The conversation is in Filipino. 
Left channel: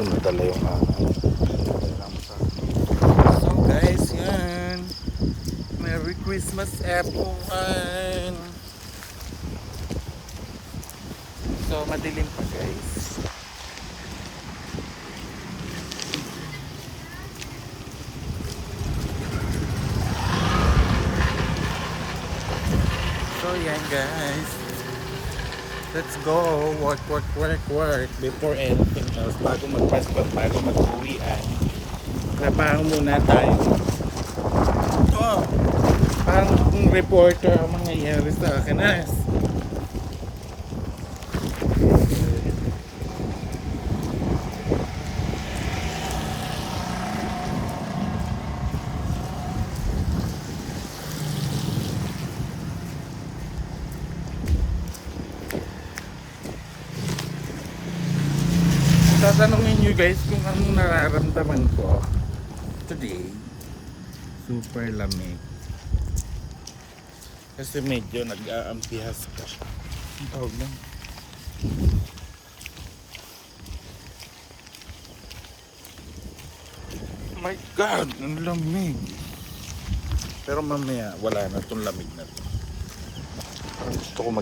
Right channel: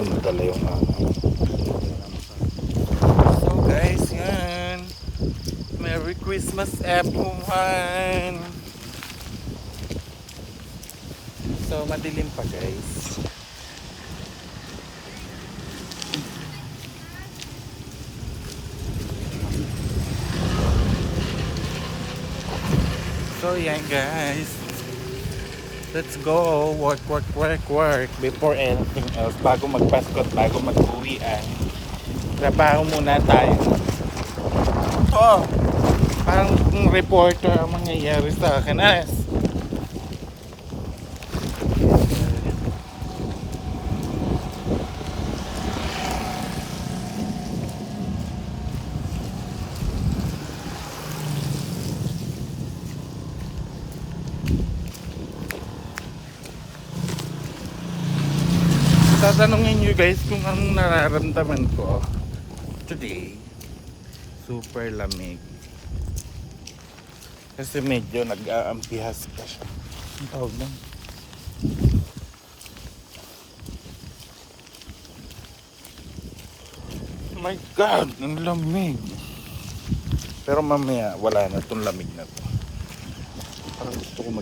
dumadala yung so guys, yan. Merry Christmas everyone. So madilim pa guys. So yan guys, let's go work before anything else. Bago magpaskot, bago mag-uwian, trabaho muna tayo. Oh, parang kung reporter ang mangyayari sa akin. Tatanungin nyo guys kung anong nararamdaman ko today. Super lamig kasi medyo nag-aampihas ka. Ang tawag lang, my god, ang lamig. Pero mamaya wala na, itong lamig na to. Parang gusto ko mag